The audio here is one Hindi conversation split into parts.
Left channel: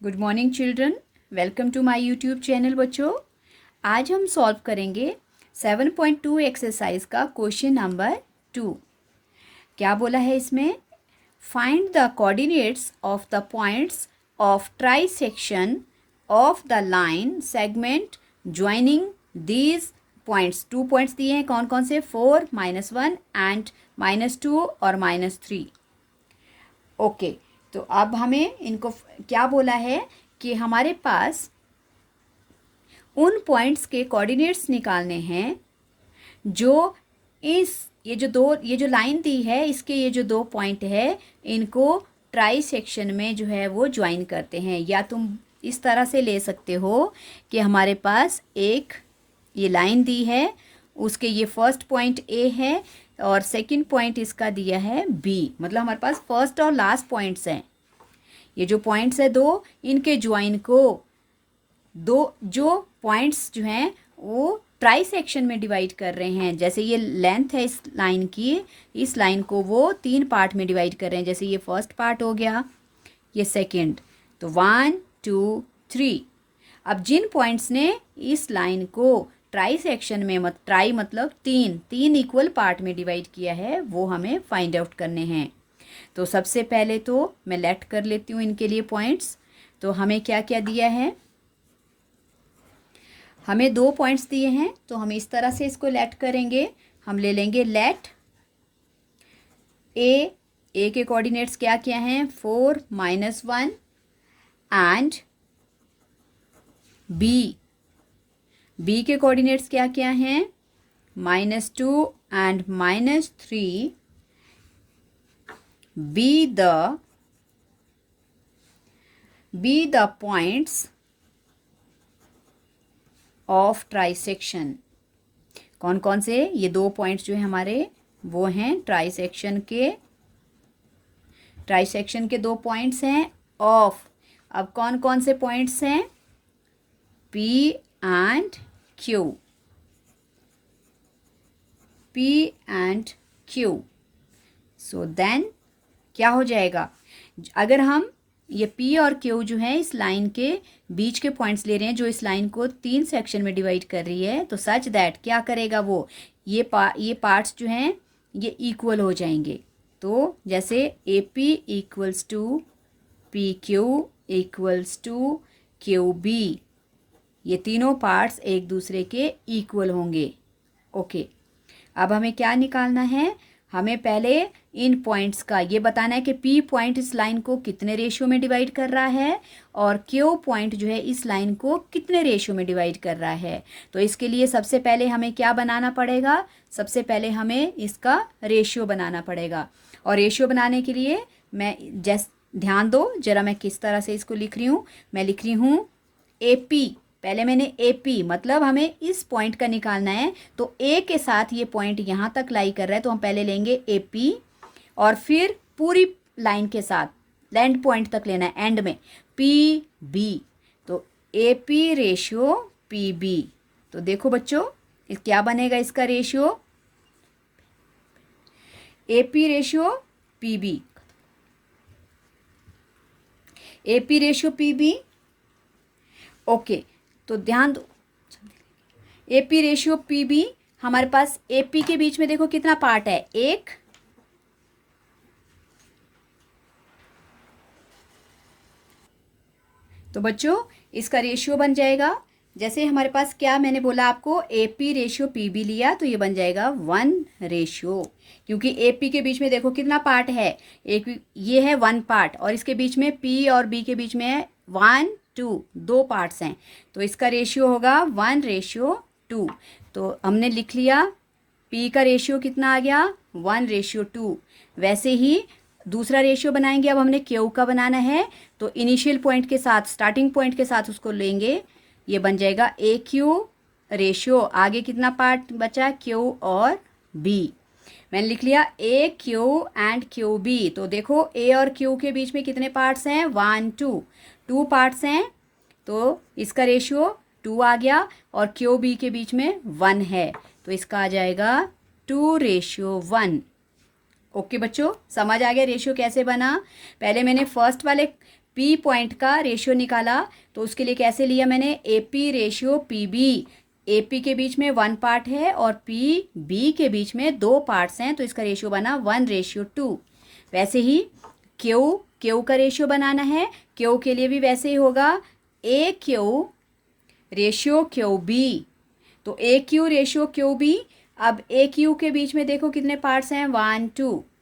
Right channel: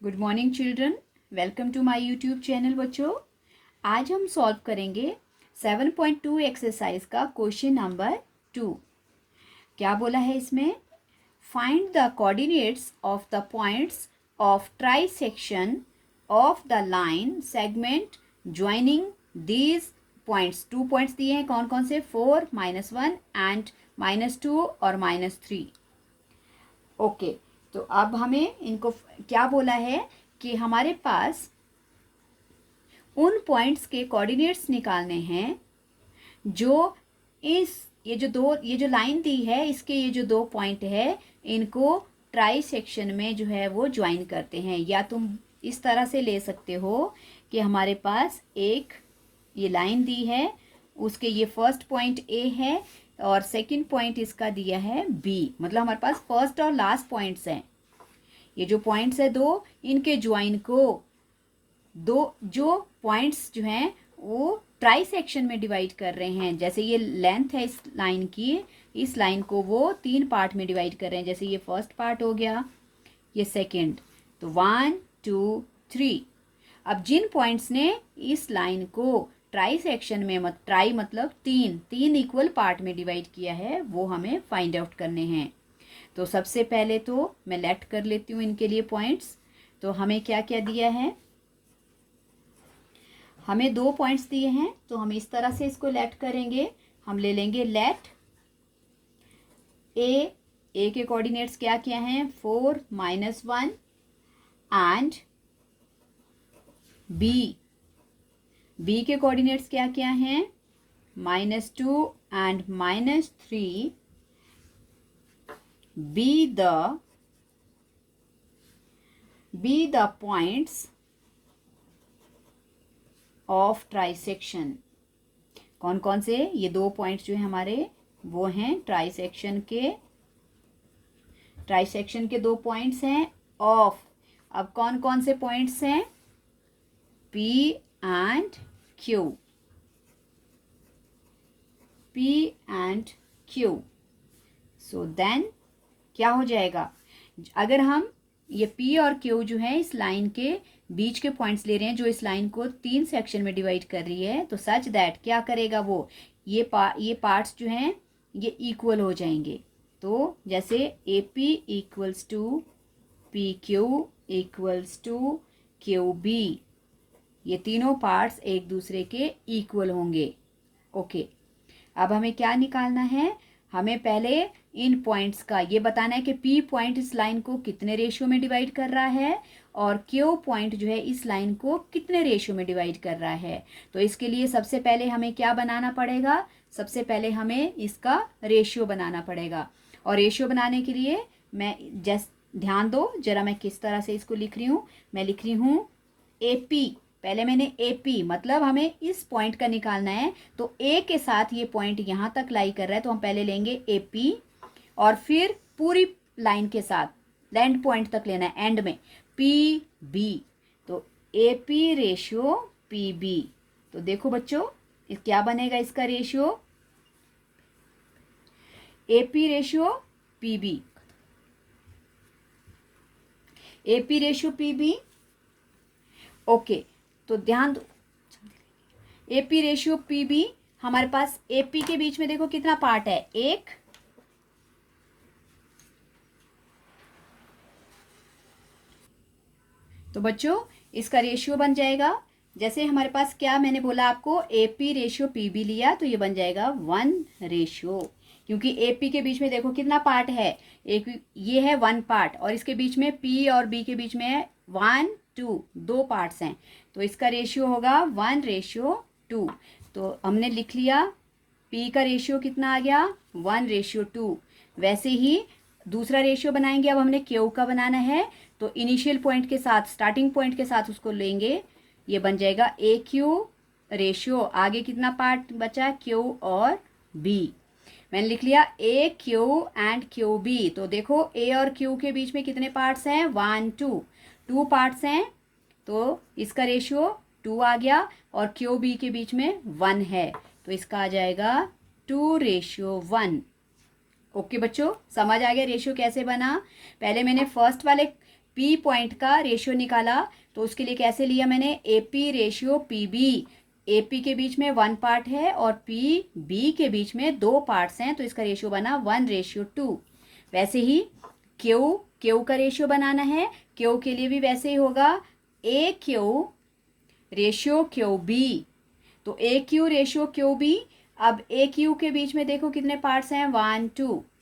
Good morning children, welcome to my YouTube channel. बच्चों, आज हम सॉल्व करेंगे 7.2 एक्सरसाइज का क्वेश्चन नंबर 2। क्या बोला है इसमें? Find the coordinates of the points of try section of the line segment joining these points. 2 points दिए हैं, कौन कौन से? 4, -1 एंड -2 और -3। ओके, तो अब हमें इनको क्या बोला है कि हमारे पास उन पॉइंट्स के कोऑर्डिनेट्स निकालने हैं जो ये जो लाइन दी है, इसके ये जो 2 पॉइंट है, इनको ट्राई सेक्शन में जो है वो ज्वाइन करते हैं। या तुम इस तरह से ले सकते हो कि हमारे पास एक ये लाइन दी है, उसके ये फर्स्ट पॉइंट ए है और सेकंड पॉइंट इसका दिया है बी। मतलब हमारे पास फर्स्ट और लास्ट पॉइंट्स हैं। ये जो पॉइंट्स है 2, इनके ज्वाइन को दो जो पॉइंट्स जो हैं वो ट्राई सेक्शन में डिवाइड कर रहे हैं। जैसे ये लेंथ है इस लाइन की, इस लाइन को वो 3 पार्ट में डिवाइड कर रहे हैं। जैसे ये फर्स्ट पार्ट हो गया, ये सेकंड, तो 1 2 3। अब जिन पॉइंट्स ने इस लाइन को ट्राई सेक्शन में ट्राई मतलब तीन इक्वल पार्ट में डिवाइड किया है, वो हमें फाइंड आउट करने हैं। तो सबसे पहले तो मैं लेट कर लेती हूँ इनके लिए पॉइंट्स। तो हमें क्या क्या दिया है? हमें 2 पॉइंट्स दिए हैं, तो हम इस तरह से इसको लेट करेंगे। हम ले लेंगे लेट ए के कोऑर्डिनेट्स क्या क्या हैं? 4, -1 एंड बी के कोऑर्डिनेट्स क्या क्या हैं? -2 and -3। be the points of trisection। कौन कौन से? ये 2 पॉइंट्स जो है हमारे, वो हैं ट्राइसेक्शन के 2 पॉइंट्स हैं ऑफ। अब कौन कौन से पॉइंट्स हैं? P and Q। So then क्या हो जाएगा? अगर हम ये P और Q जो है इस लाइन के बीच के पॉइंट्स ले रहे हैं, जो इस लाइन को 3 सेक्शन में डिवाइड कर रही है, तो सच दैट क्या करेगा वो, ये पार्ट्स जो हैं ये इक्वल हो जाएंगे। तो जैसे AP equals to PQ equals to QB, ये तीनों पार्ट्स एक दूसरे के इक्वल होंगे। ओके, अब हमें क्या निकालना है? हमें पहले इन पॉइंट्स का ये बताना है कि P पॉइंट इस लाइन को कितने रेशियो में डिवाइड कर रहा है और Q पॉइंट जो है इस लाइन को कितने रेशियो में डिवाइड कर रहा है। तो इसके लिए सबसे पहले हमें क्या बनाना पड़ेगा? सबसे पहले हमें इसका रेशियो बनाना पड़ेगा। और रेशियो बनाने के लिए ध्यान दो जरा, मैं किस तरह से इसको लिख रही हूँ। मैं लिख रही हूँ AP। पहले मैंने AP मतलब हमें इस पॉइंट का निकालना है, तो A के साथ ये पॉइंट यहाँ तक लाई कर रहा है, तो हम पहले लेंगे AP और फिर पूरी लाइन के साथ लैंड पॉइंट तक लेना है एंड में PB। तो AP रेशियो PB। तो देखो बच्चों, क्या बनेगा इसका ratio? AP ratio PB, AP ratio PB। Okay, तो ध्यान दो, AP रेशियो PB। हमारे पास AP के बीच में देखो कितना पार्ट है? 1। तो बच्चों इसका रेशियो बन जाएगा, जैसे हमारे पास क्या मैंने बोला आपको, AP रेशियो PB लिया तो ये बन जाएगा 1 रेशियो। क्योंकि AP के बीच में देखो कितना पार्ट है? एक ये है 1 पार्ट, और इसके बीच में P और B के बीच में है 1 2, 2 पार्ट्स हैं। तो इसका रेशियो होगा 1:2। तो हमने लिख लिया P का रेशियो कितना आ गया? 1:2। वैसे ही दूसरा रेशियो बनाएंगे। अब हमने Q का बनाना है, तो इनिशियल पॉइंट के साथ, स्टार्टिंग पॉइंट के साथ उसको लेंगे। ये बन जाएगा AQ रेशियो, आगे कितना पार्ट बचा? Q और B। मैंने लिख लिया AQ एंड QB। तो देखो A और Q के बीच में कितने पार्ट्स हैं? 1 2 पार्ट्स हैं, तो इसका रेशियो 2 आ गया, और QB के बीच में 1 है, तो इसका आ जाएगा 2:1। ओके बच्चों, समझ आ गया रेशियो कैसे बना? पहले मैंने फर्स्ट वाले पी पॉइंट का रेशियो निकाला, तो उसके लिए कैसे लिया मैंने, A P ratio P B. A P के बीच में 1 पार्ट है और पी बी के बीच में 2 पार्ट्स हैं, तो इसका रेशियो बना 1:2। वैसे ही क्यू का रेशियो बनाना है, क्यू के लिए भी वैसे ही होगा, ए क्यू रेशियो क्यू बी। तो ए क्यू रेशियो क्यू बी। अब ए क्यू के बीच में देखो कितने पार्ट्स हैं, 1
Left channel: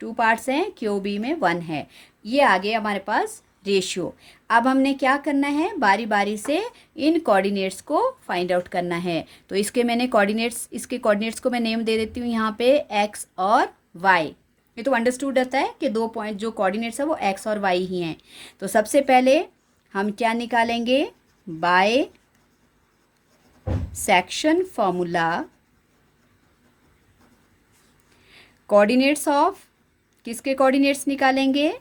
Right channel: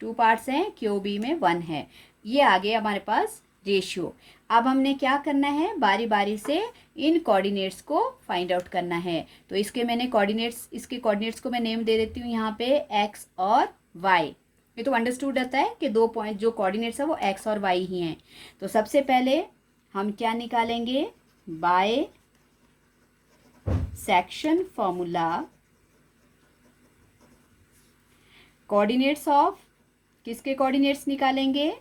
2 पार्ट्स हैं, क्यू बी में 1 है। ये आ गया हमारे पास रेशियो। अब हमने क्या करना है, बारी बारी से इन कोऑर्डिनेट्स को फाइंड आउट करना है। तो इसके कोऑर्डिनेट्स को मैं नेम दे देती हूँ यहाँ पे एक्स और वाई। ये तो अंडरस्टूड रहता है कि 2 पॉइंट जो कोऑर्डिनेट्स है वो एक्स और वाई ही हैं। तो सबसे पहले हम क्या निकालेंगे, by section formula coordinates of, किसके कोऑर्डिनेट्स निकालेंगे,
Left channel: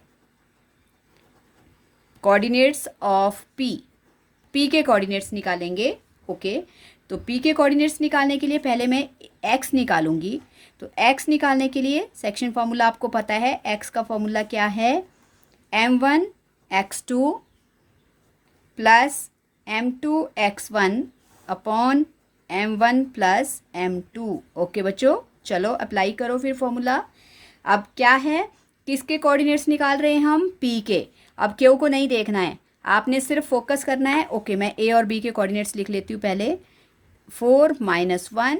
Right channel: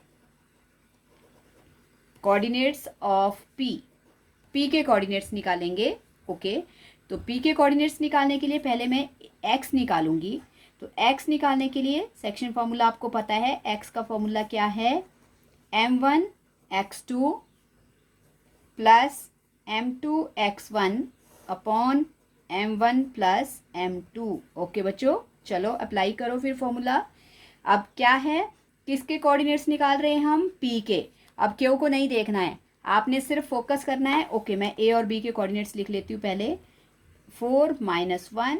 कोऑर्डिनेट्स ऑफ पी के कोऑर्डिनेट्स निकालेंगे। ओके, तो पी के कोऑर्डिनेट्स निकालने के लिए पहले मैं एक्स निकालूंगी। तो एक्स निकालने के लिए सेक्शन फॉर्मूला आपको पता है, एक्स का फॉर्मूला क्या है, m1 x2 plus m2 x1 upon m1 plus m2। Okay बच्चों, चलो अप्लाई करो फिर फॉर्मूला। अब क्या है, किसके कोऑर्डिनेट्स निकाल रहे हैं हम, पी के। अब क्यू को नहीं देखना है, आपने सिर्फ फोकस करना है। ओके, मैं ए और बी के कोऑर्डिनेट्स लिख लेती हूँ पहले, 4 -1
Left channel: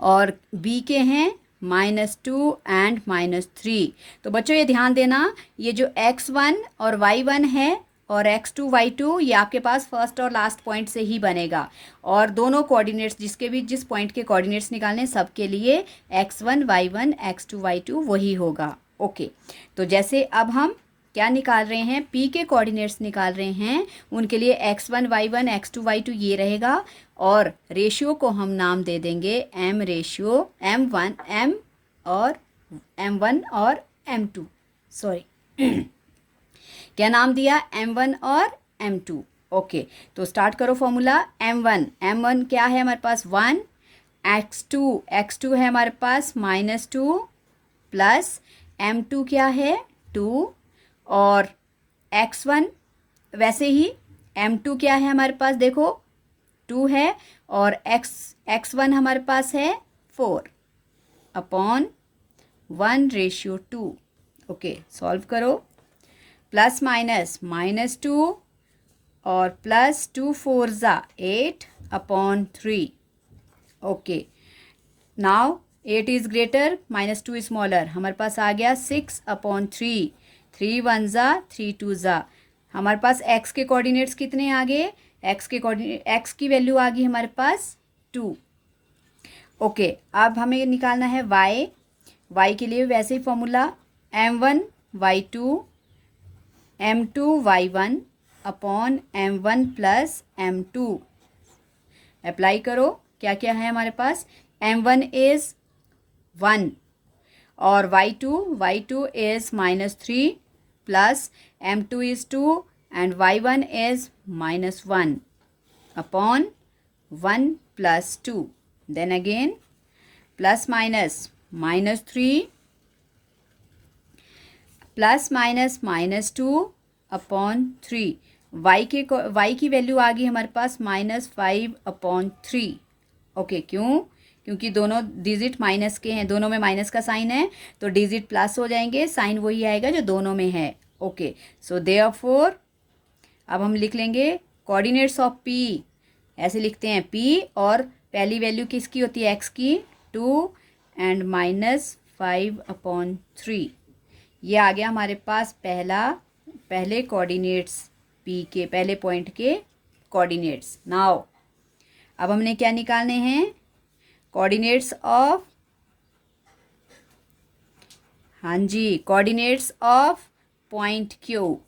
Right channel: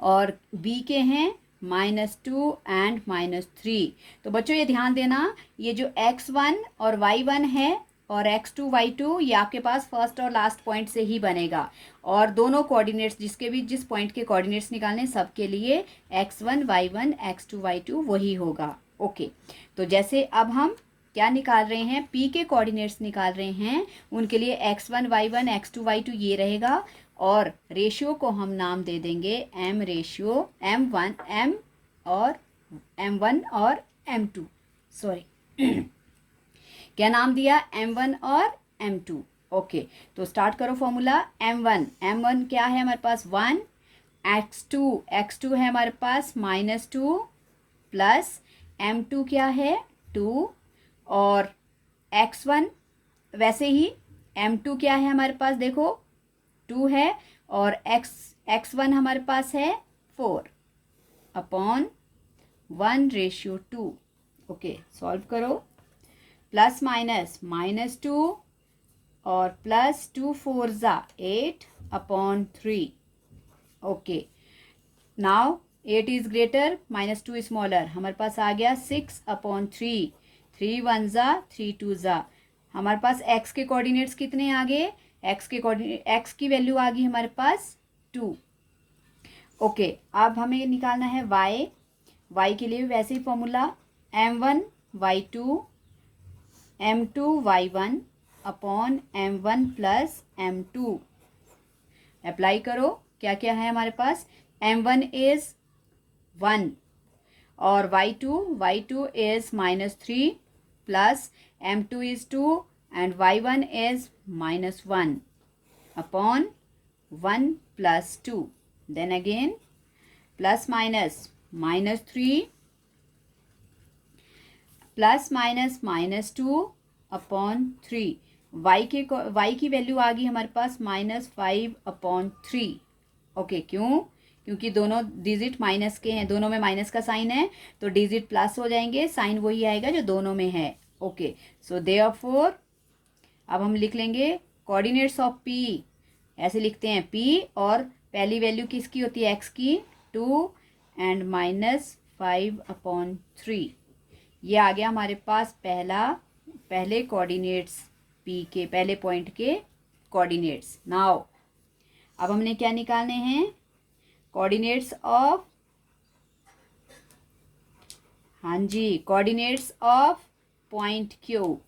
और बी के हैं -2 एंड -3। तो बच्चों ये ध्यान देना, ये जो x1 और y1 है और x2 y2 ये आपके पास फर्स्ट और लास्ट पॉइंट से ही बनेगा, और दोनों कोऑर्डिनेट्स जिस पॉइंट के कोऑर्डिनेट्स निकालने सबके लिए x1 y1 x2 y2 वही होगा। ओके, तो जैसे अब हम क्या निकाल रहे हैं, पी के कोऑर्डिनेट्स निकाल रहे हैं, उनके लिए x1 y1 x2 y2 ये रहेगा, और रेशियो को हम नाम दे देंगे m रेशियो m1 और m2, सॉरी क्या नाम दिया, m1 और m2। ओके, तो स्टार्ट करो फॉर्मूला। m1 क्या है हमारे पास 1, x2 है हमारे पास -2 प्लस m2 क्या है 2, और x1 वैसे ही m2 क्या है हमारे पास देखो 2 है, और x1 हमारे पास है 4 अपॉन 1:2। ओके, सॉल्व करो, प्लस माइनस -2 और plus 2 4 8 upon 3। Okay, now 8 is greater -2 smaller, हमारे पास आ गया 6 अपॉन 3, 3 1 3 2 हमारे पास x के कोऑर्डिनेट्स कितने आ गए, x की वैल्यू आ गई हमारे पास 2। ओके, अब हमें निकालना है y के लिए वैसे ही formula m1 y2 m2 y1 upon m1 plus m2। Apply करो, क्या क्या है हमारे पास, m1 इज 1 और y2 is -3 plus m2 is 2 and y1 is -1 upon 1 plus 2, then again plus minus -3 plus minus -2 upon 3। y की वैल्यू आ गई हमारे पास -5 अपॉन 3। ओके, क्योंकि दोनों डिजिट माइनस के हैं, दोनों में माइनस का साइन है, तो डिजिट प्लस हो जाएंगे, साइन वही आएगा जो दोनों में है। ओके, सो देयरफॉर अब हम लिख लेंगे कोऑर्डिनेट्स ऑफ पी, ऐसे लिखते हैं पी, और पहली वैल्यू किसकी होती है, एक्स की 2 एंड -5 अपॉन 3। ये आ गया हमारे पास पहले कोऑर्डिनेट्स, पी के पहले पॉइंट के कोऑर्डिनेट्स। नाउ अब हमने क्या निकालने हैं, कोऑर्डिनेट्स ऑफ, हाँ जी, coordinates of point Q.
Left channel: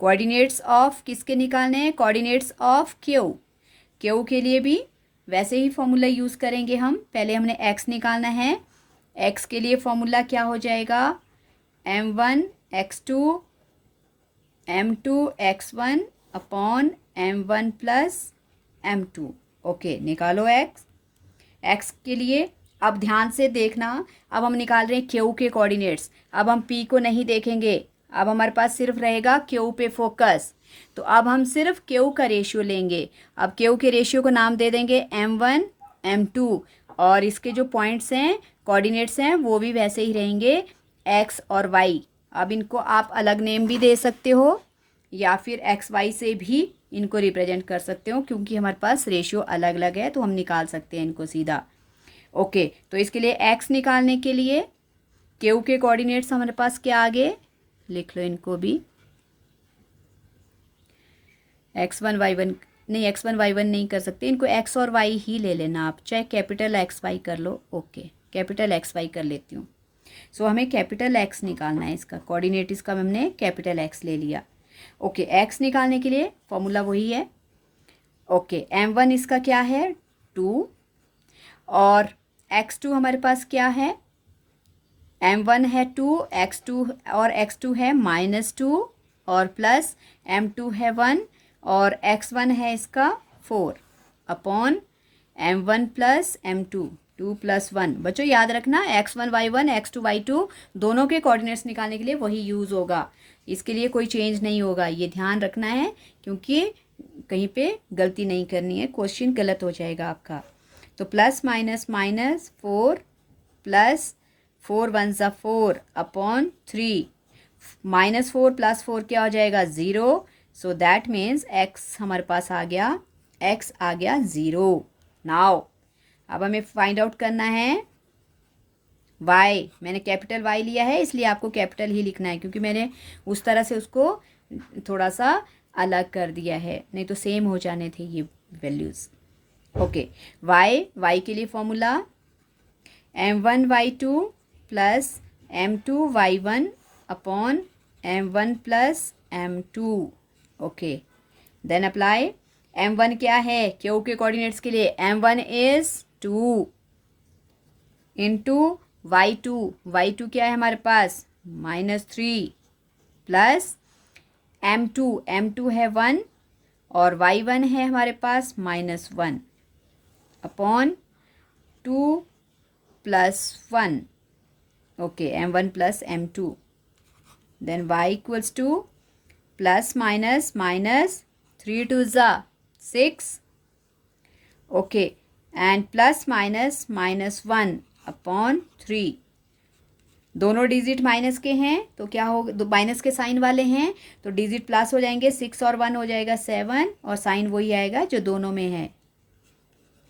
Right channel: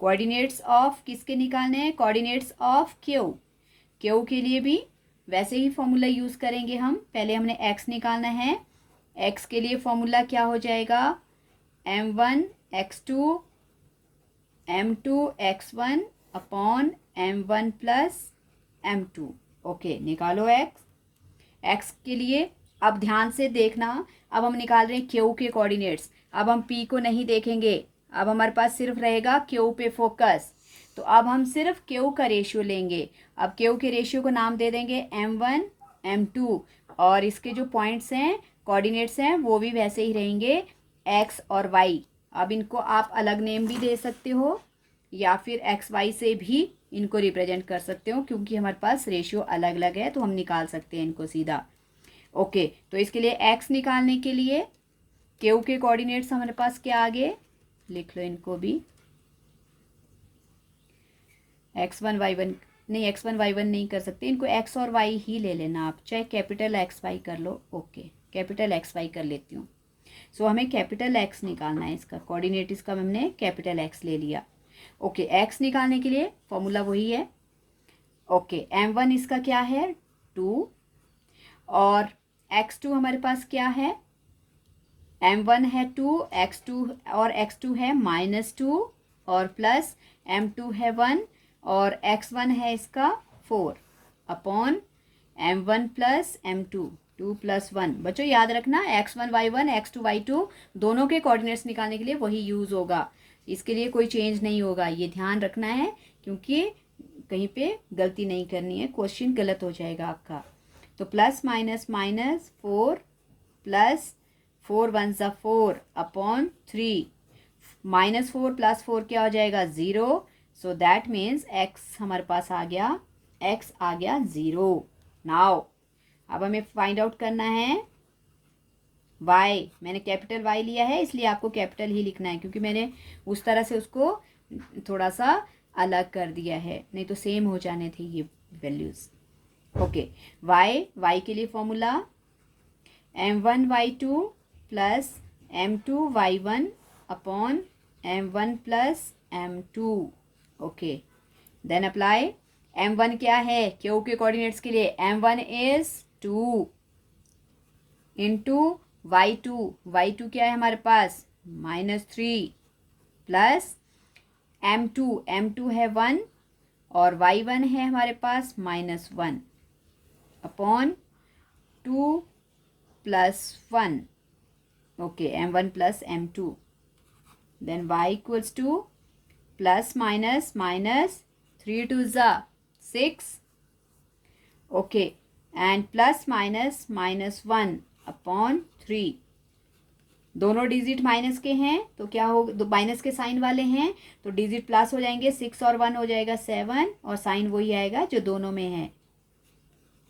Coordinates of किसके निकालने हैं, कोऑर्डिनेट्स ऑफ क्यू के लिए भी वैसे ही फॉर्मूला यूज़ करेंगे हम। पहले हमने एक्स निकालना है, एक्स के लिए फॉर्मूला क्या हो जाएगा, m1 x2 m2 x1 upon m1 plus m2। Okay, निकालो एक्स के लिए। अब ध्यान से देखना, अब हम निकाल रहे हैं क्यू के कोऑर्डिनेट्स। अब हम पी को नहीं देखेंगे, अब हमारे पास सिर्फ रहेगा क्यू पे फोकस। तो अब हम सिर्फ क्यू का रेशियो लेंगे। अब क्यू के रेशियो को नाम दे देंगे M1 M2, और इसके जो पॉइंट्स हैं, कोऑर्डिनेट्स हैं, वो भी वैसे ही रहेंगे x और y। अब इनको आप अलग नेम भी दे सकते हो या फिर XY से भी इनको रिप्रेजेंट कर सकते हो, क्योंकि हमारे पास रेशियो अलग अलग है तो हम निकाल सकते हैं इनको सीधा। ओके, तो इसके लिए x निकालने के लिए क्यू के कोऑर्डिनेट्स हमारे पास क्या आगे लिख लो इनको भी। x1 y1 नहीं, x1 y1 नहीं कर सकते, इनको x और y ही ले लेना आप, चाहे कैपिटल XY कर लो। ओके, कैपिटल XY कर लेती हूँ। सो हमें कैपिटल X निकालना है, इसका कोऑर्डिनेट इसका हमने कैपिटल X ले लिया। ओके, X निकालने के लिए फॉर्मूला वही है। ओके, M1 इसका क्या है 2, और x2 हमारे पास क्या है, M1 है 2, x2 और x2 है -2 और प्लस M2 है 1 और x1 है इसका 4 अपॉन M1 प्लस M2 2 + 1। बच्चों याद रखना x1 y1 x2 y2 दोनों के कोऑर्डिनेट्स निकालने के लिए वही यूज़ होगा, इसके लिए कोई चेंज नहीं होगा, ये ध्यान रखना है, क्योंकि कहीं पे गलती नहीं करनी है, क्वेश्चन गलत हो जाएगा आपका। तो प्लस माइनस माइनस 4 प्लस 4 1 ज़ा 4 अपॉन 3, -4 + 4 क्या हो जाएगा 0। सो दैट मीन्स x हमारे पास आ गया, x आ गया 0। नाउ अब हमें फाइंड आउट करना है y। मैंने कैपिटल Y लिया है इसलिए आपको कैपिटल ही लिखना है, क्योंकि मैंने उस तरह से उसको थोड़ा सा अलग कर दिया है, नहीं तो सेम हो जाने थे ये वैल्यूज़। ओके, y के लिए formula M1 y2 plus M2 y1 upon M1 plus M2। Okay, then apply. M1 क्या है क्यू के कोऑर्डिनेट्स के लिए, M1 इज 2 इंटू y2 क्या है हमारे पास -3 प्लस M2 है 1 और y1 है हमारे पास -1 upon 2 + 1। Okay, M1 plus M2, then y equals to plus minus minus 3 2 ज़ा 6। Okay, and plus minus -1 upon 3। दोनों डिजिट माइनस के हैं तो क्या हो, दो माइनस के साइन वाले हैं तो डिजिट प्लस हो जाएंगे, 6 और 1 हो जाएगा 7 और साइन वही आएगा जो दोनों में है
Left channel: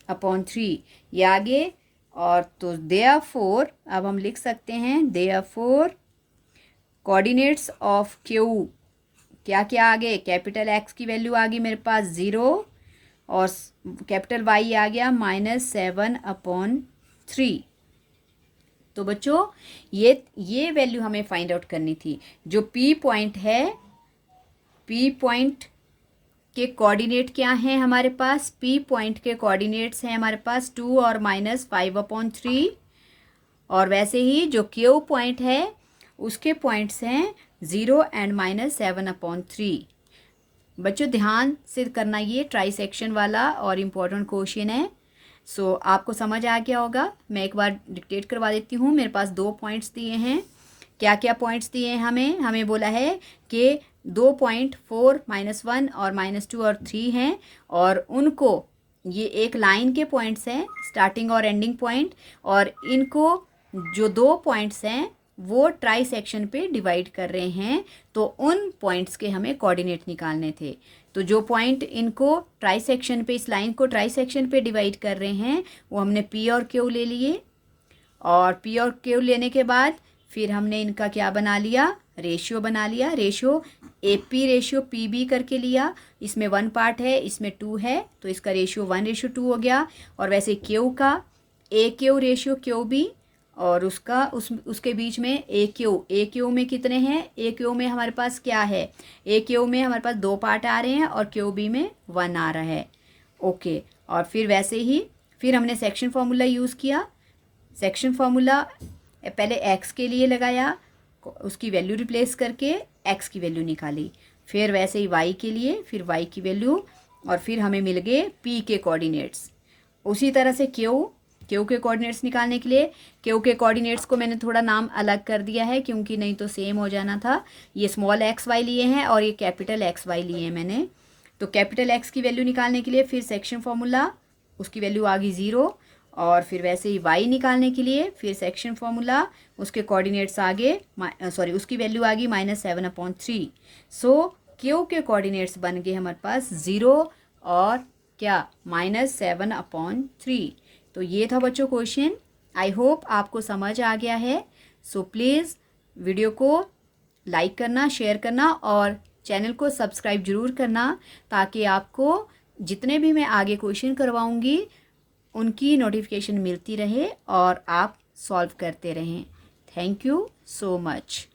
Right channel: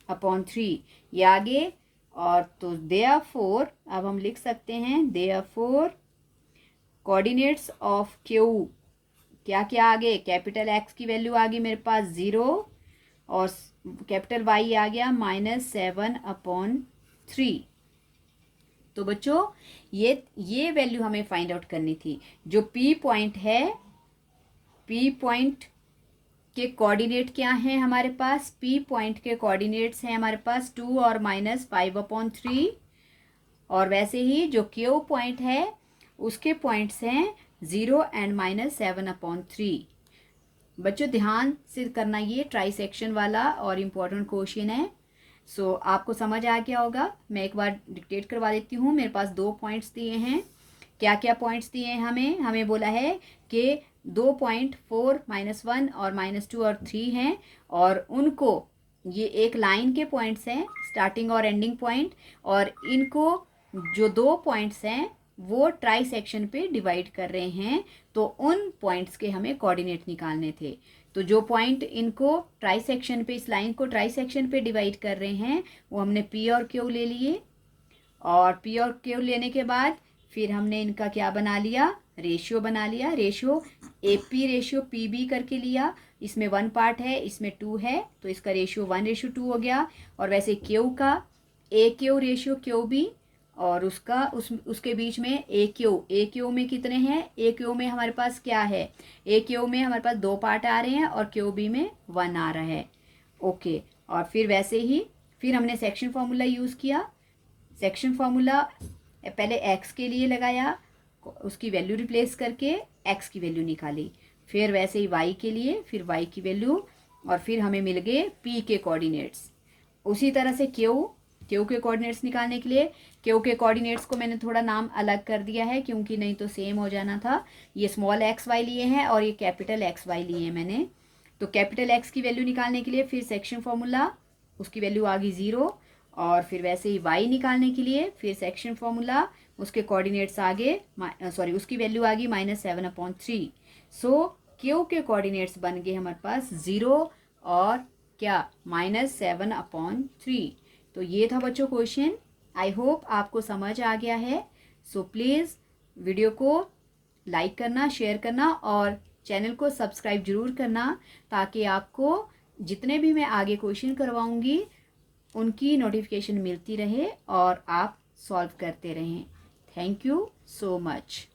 अपॉन 3, ये आगे। और तो देयरफॉर अब हम लिख सकते हैं देयरफॉर कोऑर्डिनेट्स ऑफ क्यू क्या क्या आ गए, कैपिटल X की वैल्यू आ गई मेरे पास 0 और कैपिटल Y आ गया -7 अपॉन 3। तो बच्चों ये वैल्यू हमें फाइंड आउट करनी थी। जो P पॉइंट है, P पॉइंट के कोऑर्डिनेट क्या हैं हमारे पास, P पॉइंट के कोऑर्डिनेट्स हैं हमारे पास 2 और -5/3, और वैसे ही जो Q पॉइंट है उसके पॉइंट्स हैं 0 एंड -7/3। बच्चों ध्यान से करना, ये ट्राई सेक्शन वाला और इम्पोर्टेंट क्वेश्चन है। सो आपको समझ आ गया होगा। मैं एक बार डिक्टेट करवा देती हूँ। मेरे पास 2 पॉइंट्स दिए हैं। क्या क्या पॉइंट्स दिए हैं हमें बोला है कि 2 पॉइंट 4 -1 और -2 और 3 हैं, और उनको ये एक लाइन के पॉइंट्स हैं, स्टार्टिंग और एंडिंग पॉइंट, और इनको जो 2 पॉइंट्स हैं वो ट्राई सेक्शन पे डिवाइड कर रहे हैं, तो उन पॉइंट्स के हमें कोऑर्डिनेट निकालने थे। तो जो पॉइंट इनको ट्राई सेक्शन पे, इस लाइन को ट्राई सेक्शन पे डिवाइड कर रहे हैं, वो हमने P और Q ले लिए, और P और Q लेने के बाद फिर हमने इनका क्या बना लिया, रेशियो बना लिया। रेशियो AP रेशियो PB करके लिया। इसमें 1 पार्ट है, इसमें 2 है, तो इसका रेशियो 1:2 हो गया। और वैसे Q का AQ रेशियो QB, और उसके बीच में AQ में कितने हैं, AQ में हमारे पास क्या है, AQ में हमारे पास 2 पार्ट आ रहे हैं और QB में 1 आ रहा है। ओके, और फिर वैसे ही फिर हमने सेक्शन फार्मूला यूज़ किया। सेक्शन फार्मूला पहले x के लिए लगाया, उसकी वैल्यू रिप्लेस करके x की वैल्यू निकाली, फिर वैसे ही y के लिए, फिर y की वैल्यू, और फिर हमें मिल गए P के कोऑर्डिनेट्स। उसी तरह से क्यू के कोऑर्डिनेट्स निकालने के लिए क्यू के कोऑर्डिनेट्स को मैंने थोड़ा नाम अलग कर दिया है क्योंकि नहीं तो सेम हो जाना था। ये स्मॉल एक्स वाई लिए हैं और ये कैपिटल एक्स वाई लिए हैं मैंने। तो कैपिटल एक्स की वैल्यू निकालने के लिए फिर सेक्शन फॉर्मूला, उसकी वैल्यू आ गई 0। और फिर वैसे ही वाई निकालने के लिए फिर सेक्शन फॉर्मूला, उसके कोऑर्डिनेट्स आगे उसकी वैल्यू आ गई -7/3। सो क्यू के कोऑर्डिनेट्स बन गए हमारे पास 0 और क्या -7/3। तो ये था बच्चों क्वेश्चन। आई होप आपको समझ आ गया है। सो प्लीज़ वीडियो को लाइक करना, शेयर करना और चैनल को सब्सक्राइब जरूर करना ताकि आपको जितने भी मैं आगे क्वेश्चन करवाऊंगी उनकी नोटिफिकेशन मिलती रहे और आप सॉल्व करते रहें। Thank you so much.